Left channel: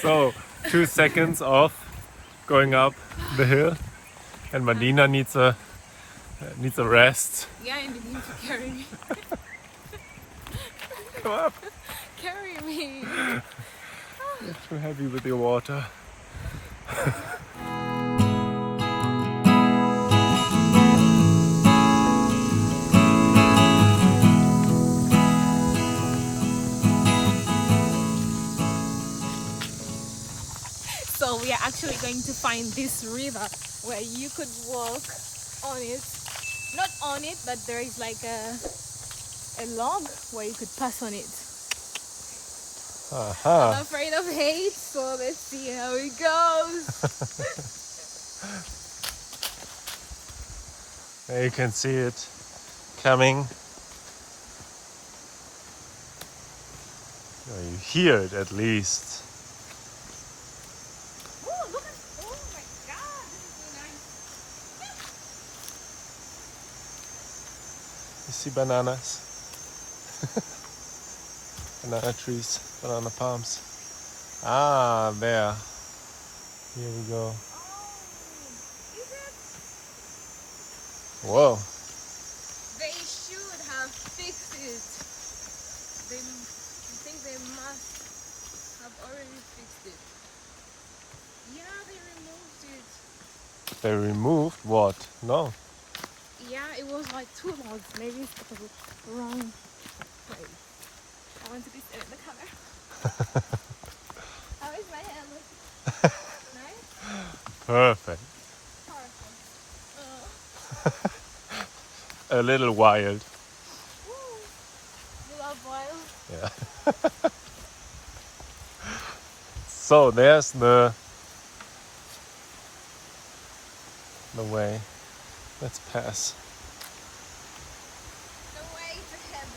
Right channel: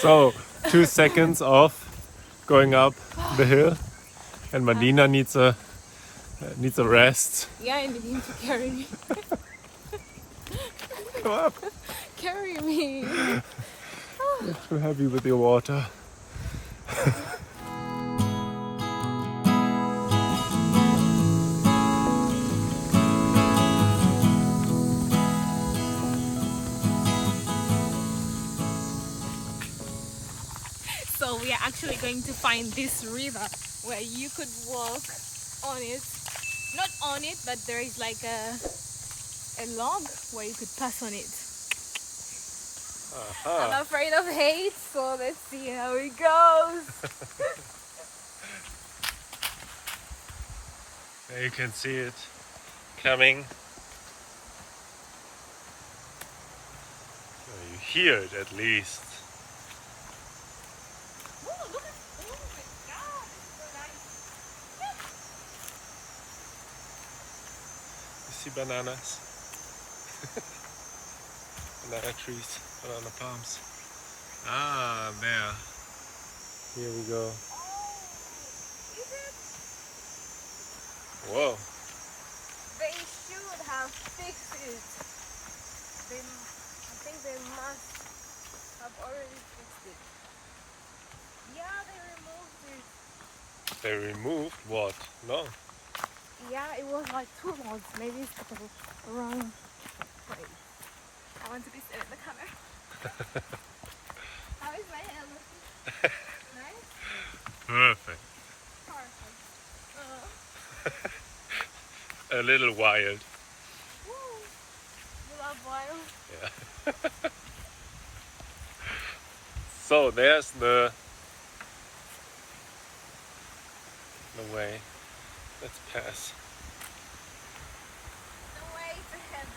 So 2 seconds of going up the hill, and Madina needs a rest. Yeah, and you need to carry me. Come up. Carry me. You're too heavy with your water. So we are actually going to find this river where you could walk on it. Not on it, but there is like a log where you could pass on it. I'm afraid of heights, so let's see how it goes. There you can see it coming. You hear it at least. Oh, look at, oh my god, this is so nice. You see bananas? Banana trees, banana palms. Ah, there. Here we go. Whoa. They should have fixed it. I think they must have already fixed it. Yeah, they removed it. They removed what? No. Yeah, it was like 2 logs. Maybe it's because it's the wrong place. I want to be staring at the camera. How is my hair looking? Nice? Perfect. Perfect. A little wild. Woo. You love wild? Yeah. So there's the way. Let's pass. The way to heaven.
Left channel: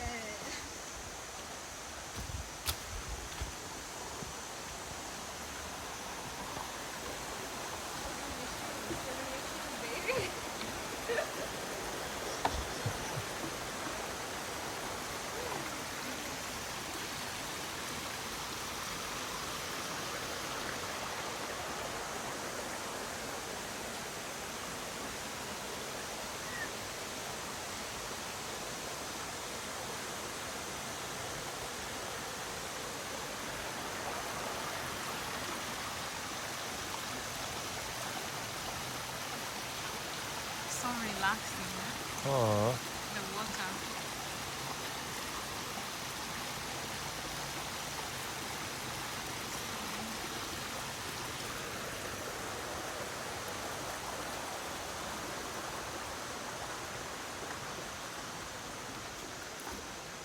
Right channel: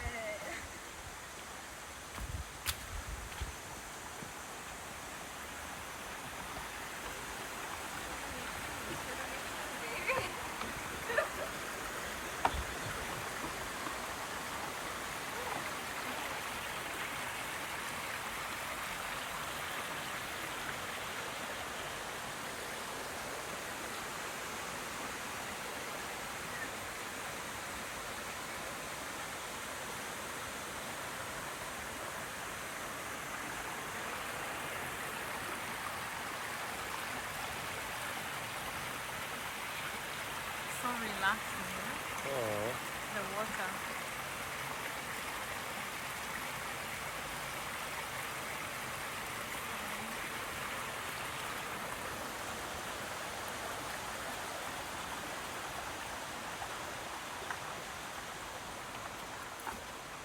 So relaxing, huh? Oh. The water.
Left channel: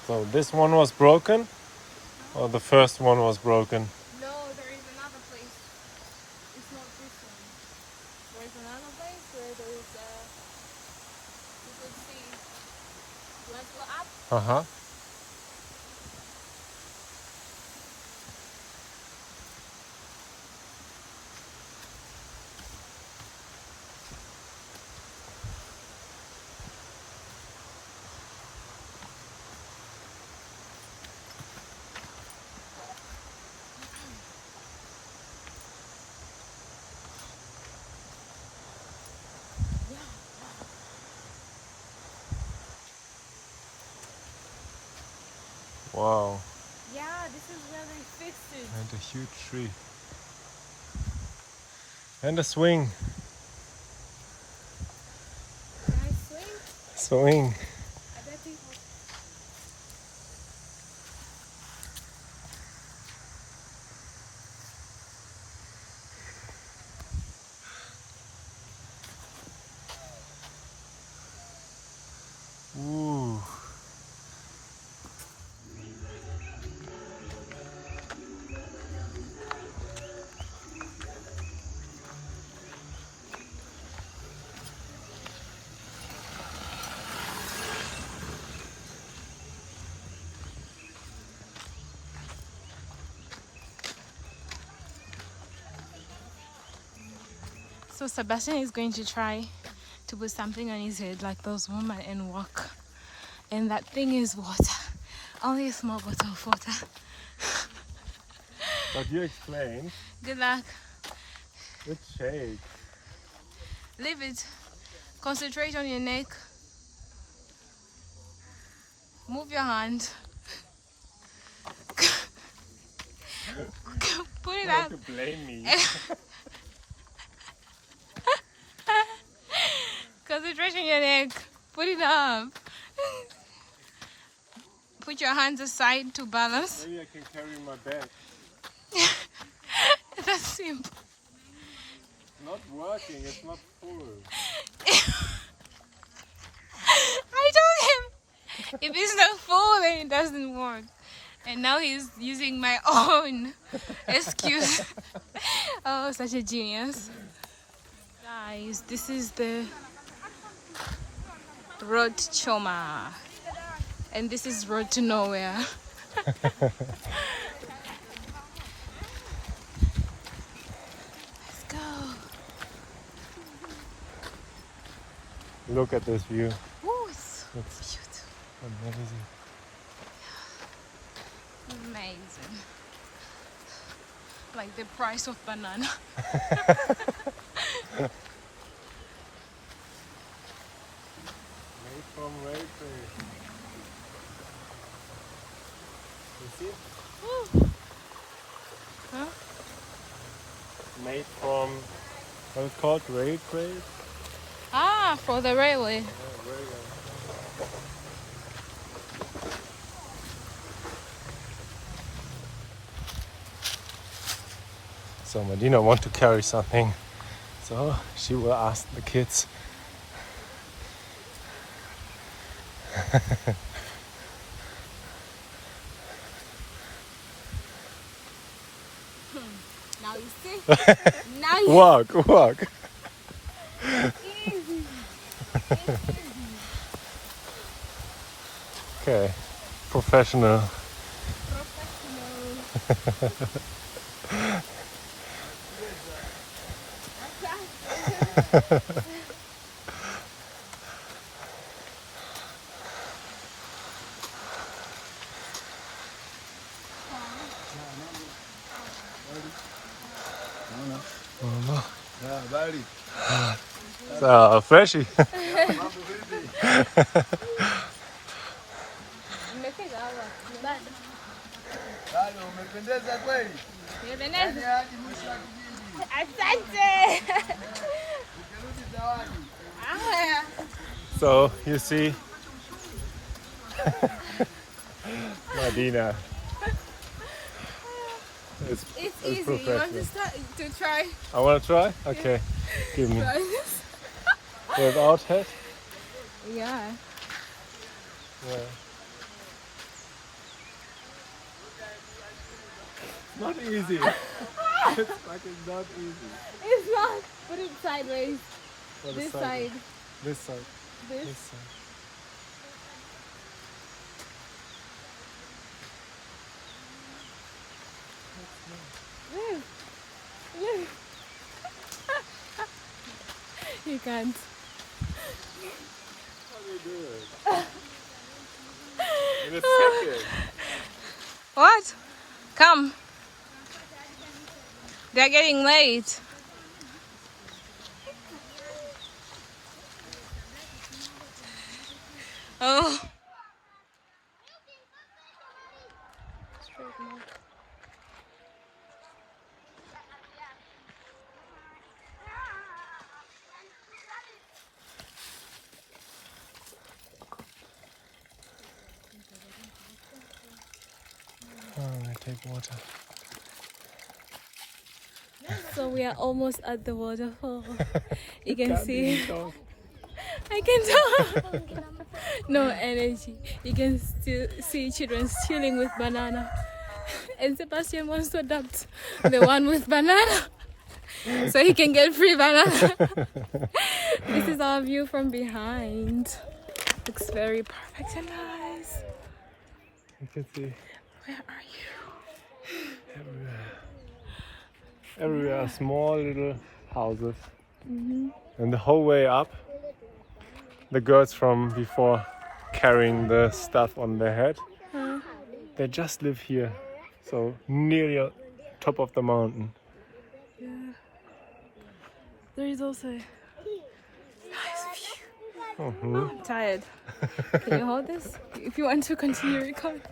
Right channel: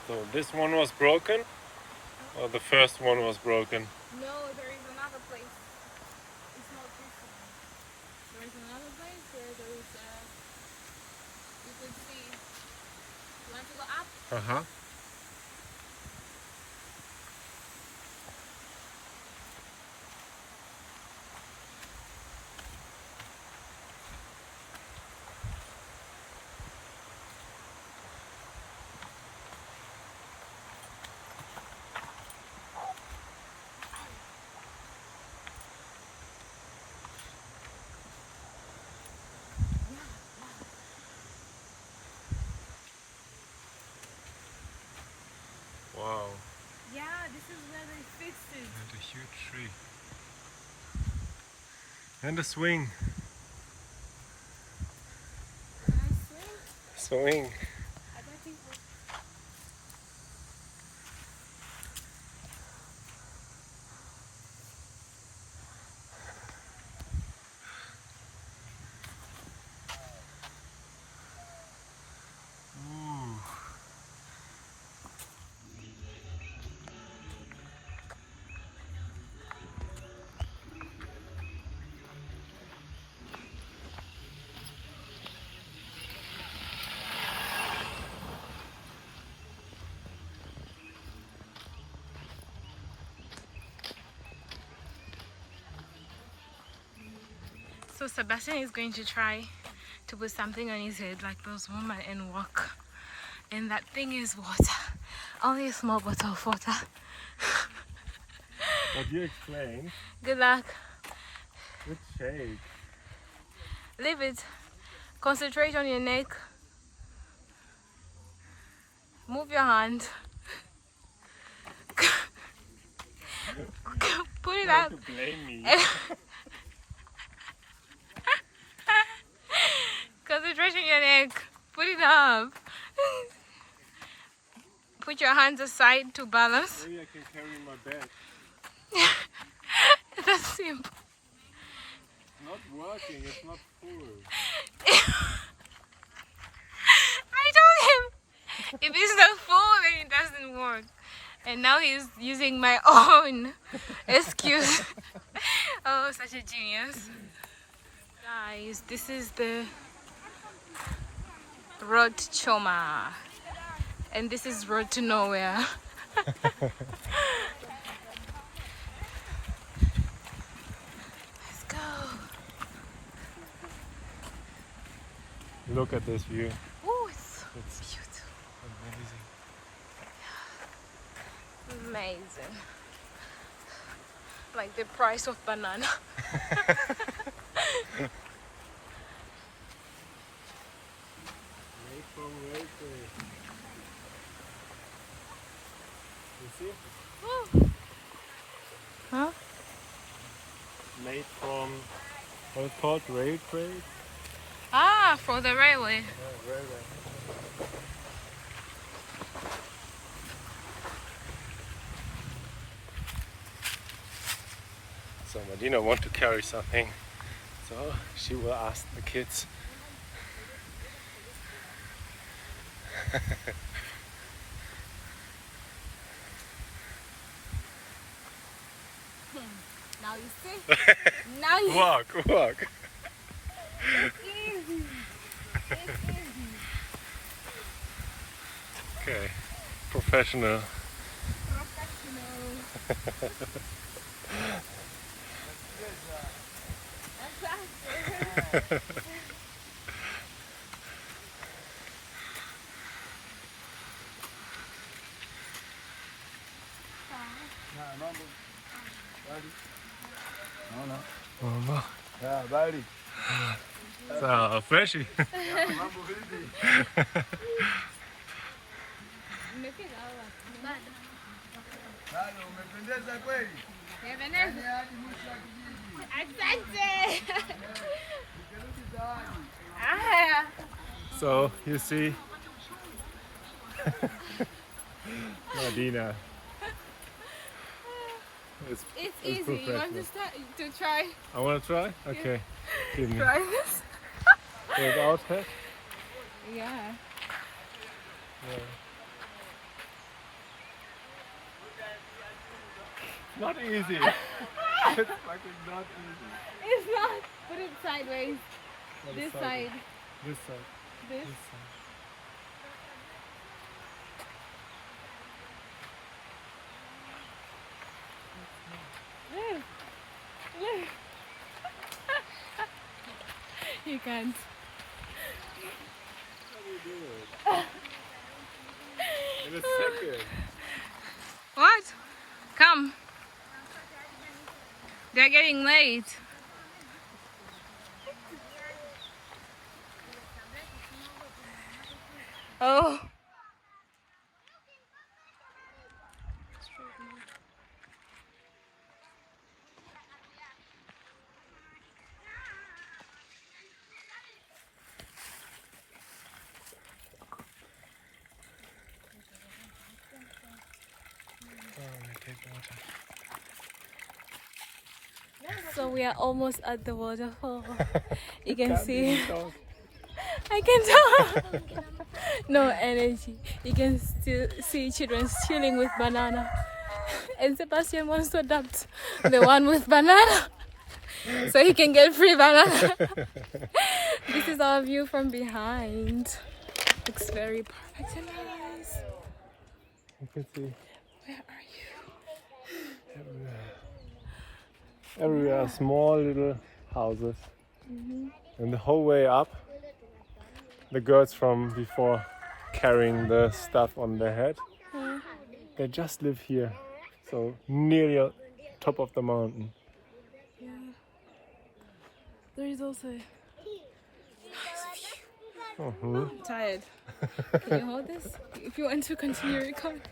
So this one was broken, or the first one was broken? No, there is another place. It's not this one. There is another place where there is you can see. You want to go up? Uh-huh. Wow. Yeah, this is where they fixed it. And a huge tree. And a swing. Can I swing? Swing. I bet it was. Ooh. So Sebastian is going to try to put something on his head like those women and walk. And that thing is water. Only a small bottle of water. But you explained. Good luck. Good shake. Leave it. Concentrate on your neck. Move your hand. Put it up. To blame me. Concentrate on your neck. Put it up. Put your hands aside to balance. Maybe I can carry my bag. That's simple. It's not working, it's not full. I told him if it's not full, then it doesn't work. And now he's using my own excuse. Oh, such a genius. Guys, this is the road to Choma. And this is road to nowhere. Let's go. Look at this view. Oh, it's beautiful. Amazing. Amazing. Like the price of banana. Made from railway. You see? Woo. Huh? Made from what is it called? Railway? Ah, for the railway. So Medina wants to carry something, so she will ask the kids. Now you see? Now you Walk. It's easy. It's easy. Okay, professional. Mama. So freshie. So you see, Medina. It's easy. You want to start to try? I want to try? Okay. Give me. Try this? Without hat? Yeah. Yeah. Not easy. It's fucking not easy. It's not. Put it sideways. What This is side. This side. This. This side. Look. Look. You can't. How do you do it? In a second. What? Come. They're getting late. Oh. Take water. So we are almost at the waterfall. You can see. Even talk. I can talk. No energy. You can still see children chilling with banana. And Sebastian wants to adopt the one with banana so he can get free banana. This is our view from behind. Looks very perfect and nice. You can see Where are you? everywhere. Everywhere, small little houses. And the whole way up, the girls from before carrying the stuff on their head, they just live here. So nearly top of the mountain. Yeah. There is also nice view. I'm tired. Can you hold this? If you want to continue recording.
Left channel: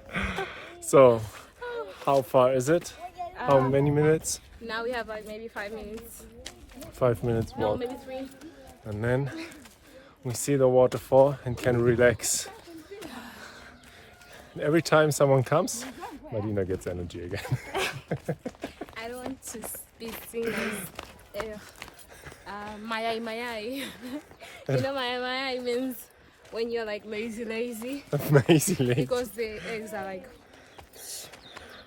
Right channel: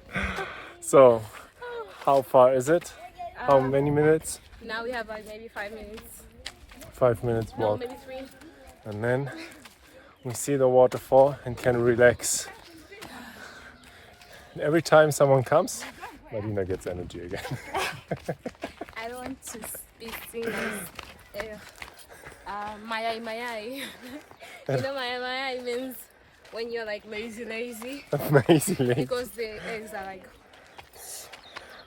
So, how far is it? How many minutes? Now we have like maybe 5 minutes. 5 minutes No, walk. maybe 3. And then we see the waterfall and can relax. And every time someone comes, Marina gets energy again. I don't want to be seen as mayai mayai. You know mayai mayai means when you're like lazy. Amazingly. Because the eggs are like,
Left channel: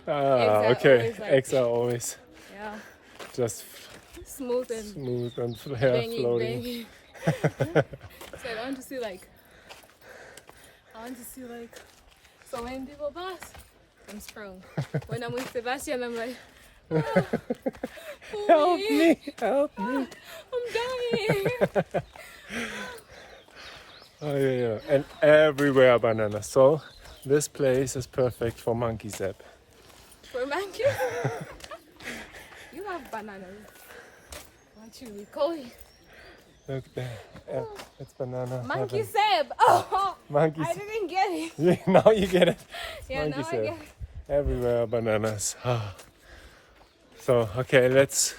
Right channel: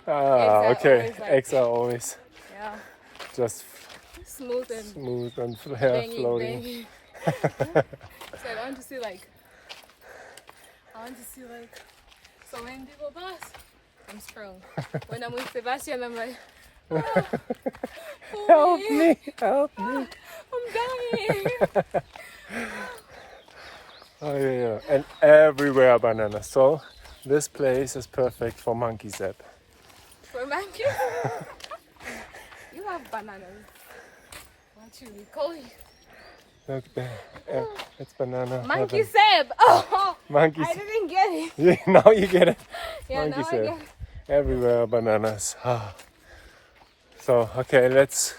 Okay. always like- Eggs are always yeah, just smooth and smooth and banging, floating. banging. So I want to see like so many people pass. I'm strong. When I'm with Sebastian, I'm like, Help me! Help me! I'm dying. Oh yeah. And everywhere bananas. So this place is perfect for monkey zap. For monkey? You have bananas. What should we call it? Look there. It's banana. Monkey heaven. sap. Oh, Monkey I didn't get it. Yeah, now you get it. Yeah, Monkey now I sap. get it. Everywhere bananas. So, okay, let's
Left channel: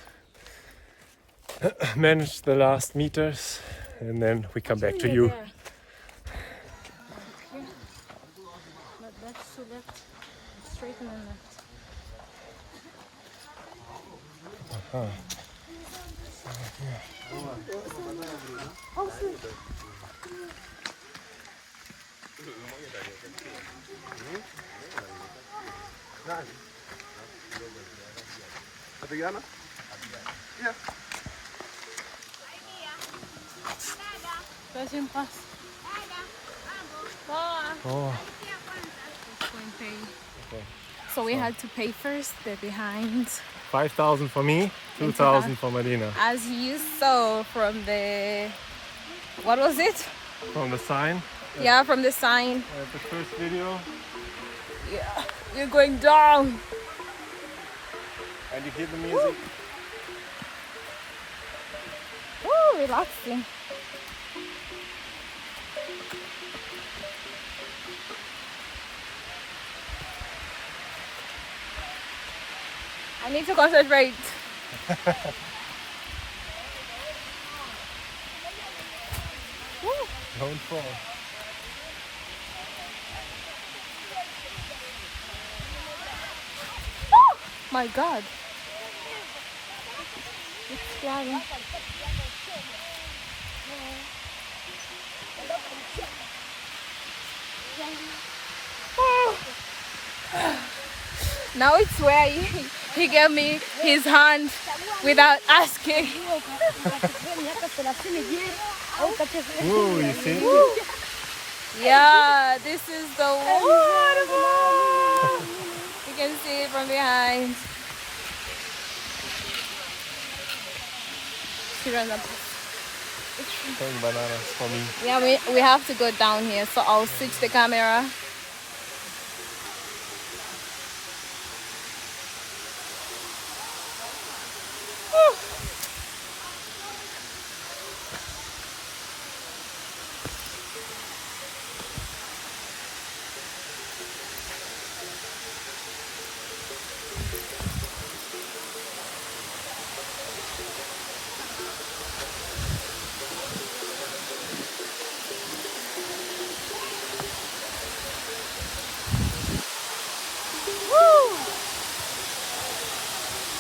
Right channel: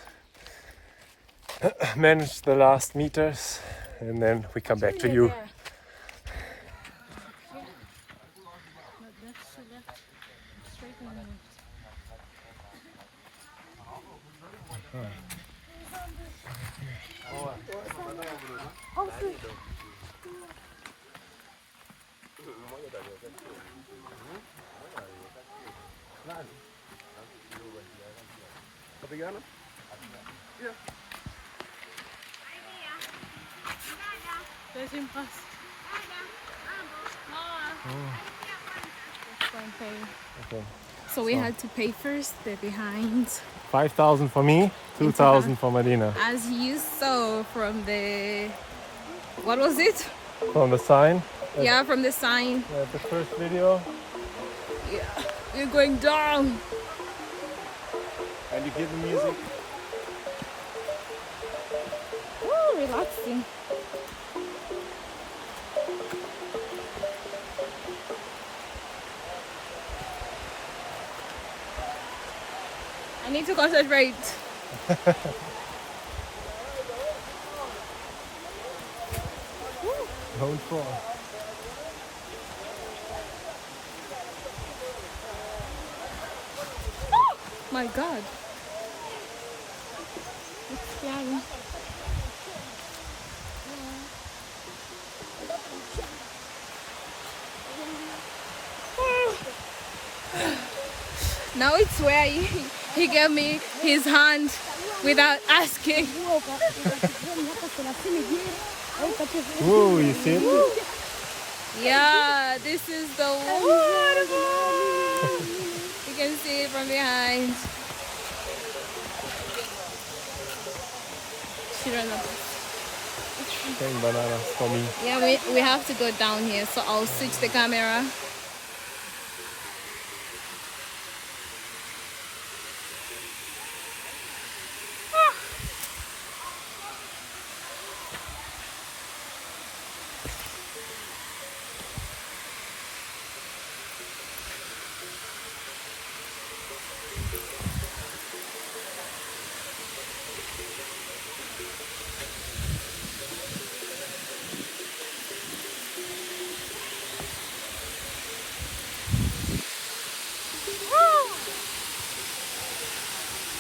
manage the last meters and then we come back to you. Yeah. Straighten on that. Let him pass. Oh, Let's go and pay. okay. So we had to pay first, the behind. 5,000 for me, 2,000 for Marina. As you saw from the, what was it? From the sign. Yeah, from the sign. Yeah, the first video. Yeah, we're going down. And you hear the music. Oh, relaxing. I need to concentrate. Don't fall. My God. It's scary. Now it's where he gave me his hand without asking. Whoa, you see it? Yeah, this is the waterfall. You can see it from behind. Paying bananas for me. Yeah, we have to go down here, so I'll switch the camera.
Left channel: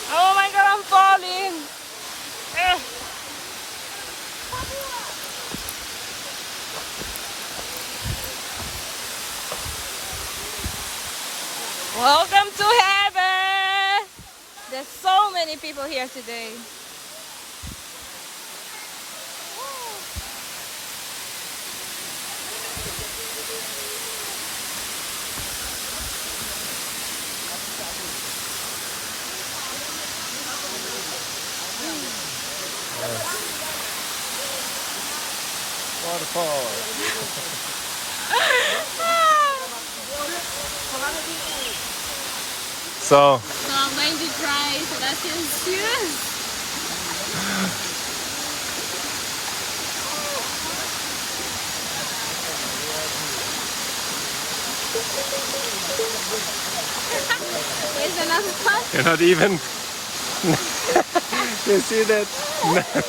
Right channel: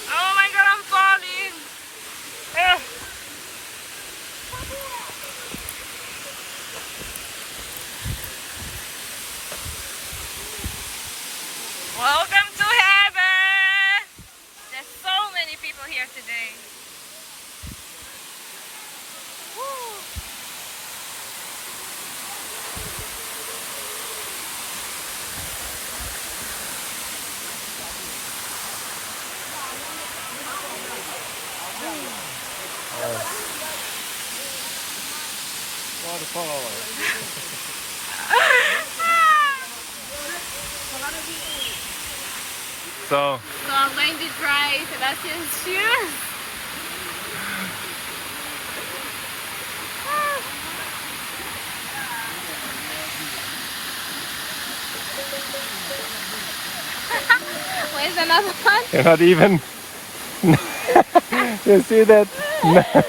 Oh my God, I'm falling. Welcome to heaven. There's so many people here today. Waterfall. So So I'm going to try Sebastian's shoes. Where's another one? You're not even. You see that?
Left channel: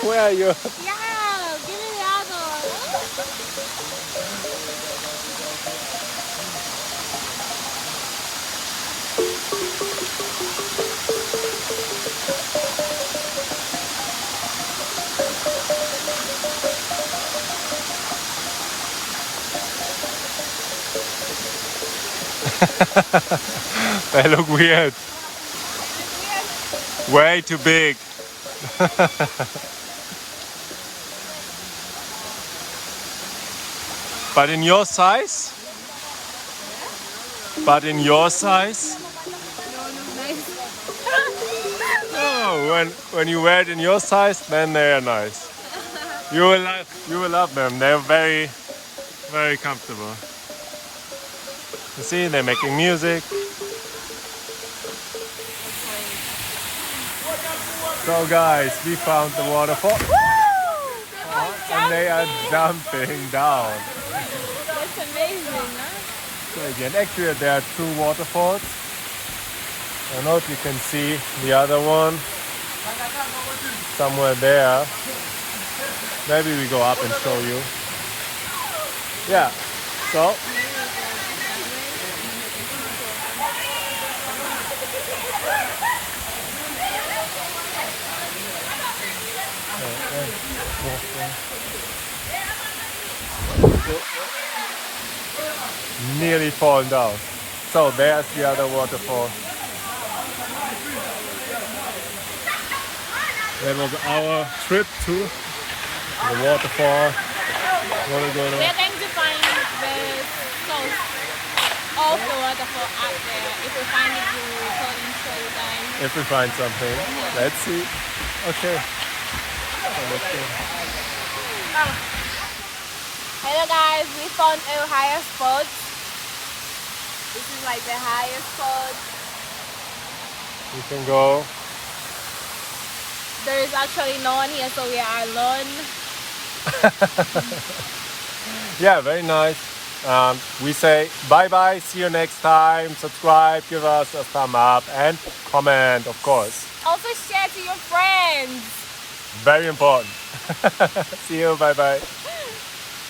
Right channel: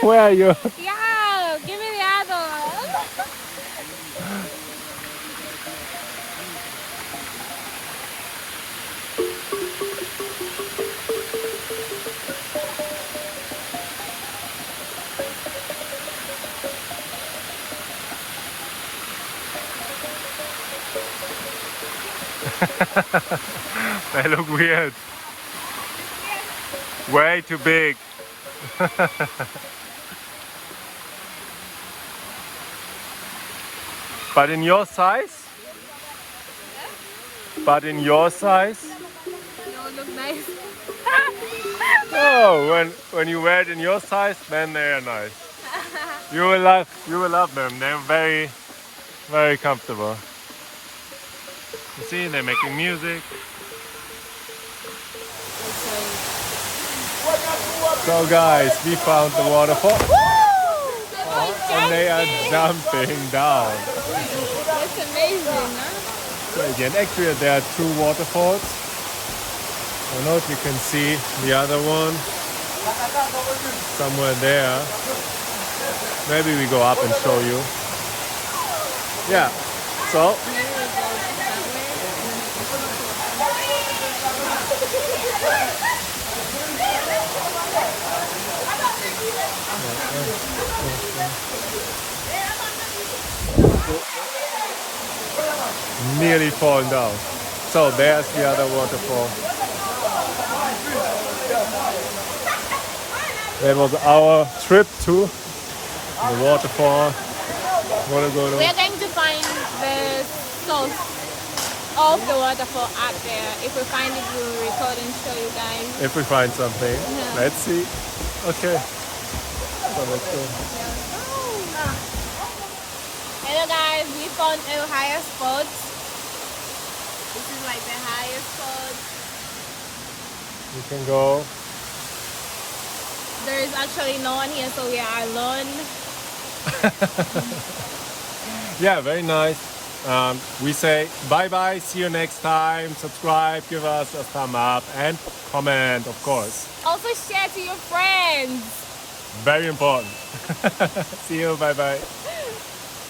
Where are you? Yeah, give me the other. They look weird. Way too big. But in your size? But in your size? They don't look nice. Oh, when you wear it in your size, then they are nice. You will love them. They're very, very comfortable. You see, they're making music. So guys, we found the waterfall. And they are jumping down. That's amazing, huh? Crazy. And actually there are two waterfalls. I don't know if you can see the other one. Somewhere there. Maybe we go up and show you. Yeah. So Maybe we go that way. nearly fallen down. So there's the other waterfall. That was our trip to the waterfall. Waluguru. We are going to find the source of the waterfall up there. If we find it, we will record and show you guys. If we find something. Yeah. Let's see. Okay. So let's go. Hello guys, we found a higher spot. This is like the highest spot. You can go. There is actually no one here, so we are alone. Yeah, very nice. We say bye bye, see you next time. Subscribe, give us a thumb up and comment, of course. Also share to your friends. Very important. See you, bye bye.